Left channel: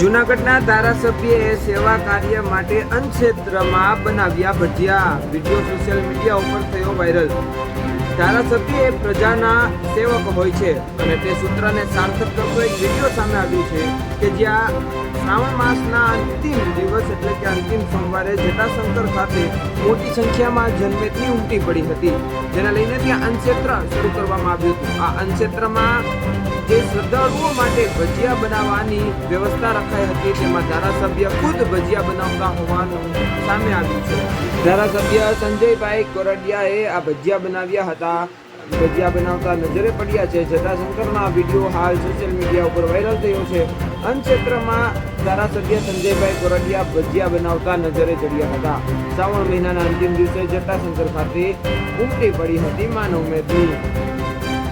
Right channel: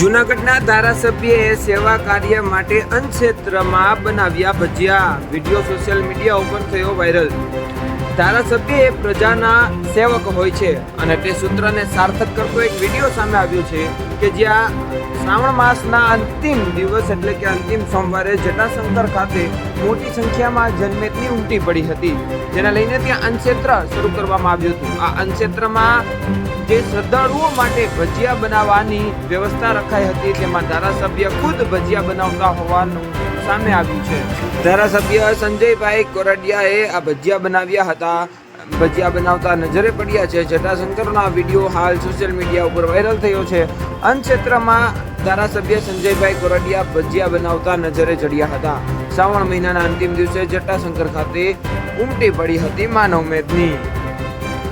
જૂનાગઢના ધારાસભ્યએ સેવા કાર્ય માટે અન્નક્ષેત્રમાં બનાવ્યા ભજીયા. વીડિયો સોશિયલ મીડિયા ઉપર થયો વાયરલ. ધારાસભ્ય એ પ્રજાના સેવક હોય છે અને તે સૂત્રને સાર્થક કરતો એક વીડિયો સામે આવ્યો છે કે જ્યાં શ્રાવણ માસના અંતિમ દિવસ એટલે કે અંતિમ સોમવારે જટાશંકર ખાતે મોટી સંખ્યામાં જનમેદની ઉમટી પડી હતી. જેને લઈને ત્યાં અન્નક્ષેત્ર શરૂ કરવામાં આવ્યું હતું. આ અન્નક્ષેત્રમાં જે શ્રદ્ધાળુઓ માટે ભજીયા બનાવવાની વ્યવસ્થા રખાઈ હતી, તેમાં ધારાસભ્ય ખુદ ભજીયા બનાવતા હોવાનું સામે આવ્યું છે. ધારાસભ્ય સંજયભાઈ કોરડિયાએ આ ભજીયા બનાવ્યા હતા. ભજીયા બનાવતા નજરે પડ્યા છે. જટાશંકરનો વીડિયો હાલ સોશિયલ મીડિયા ઉપર વાયરલ થયો છે. અન્નક્ષેત્રમાં ધારાસભ્ય સંજયભાઈ કોરડિયા ભજીયા બનાવતા નજરે ચડ્યા હતા. શ્રાવણ મહિનાના અંતિમ દિવસે જટાશંકર ખાતે ઉમટી પડી હતી માનવ મેદની.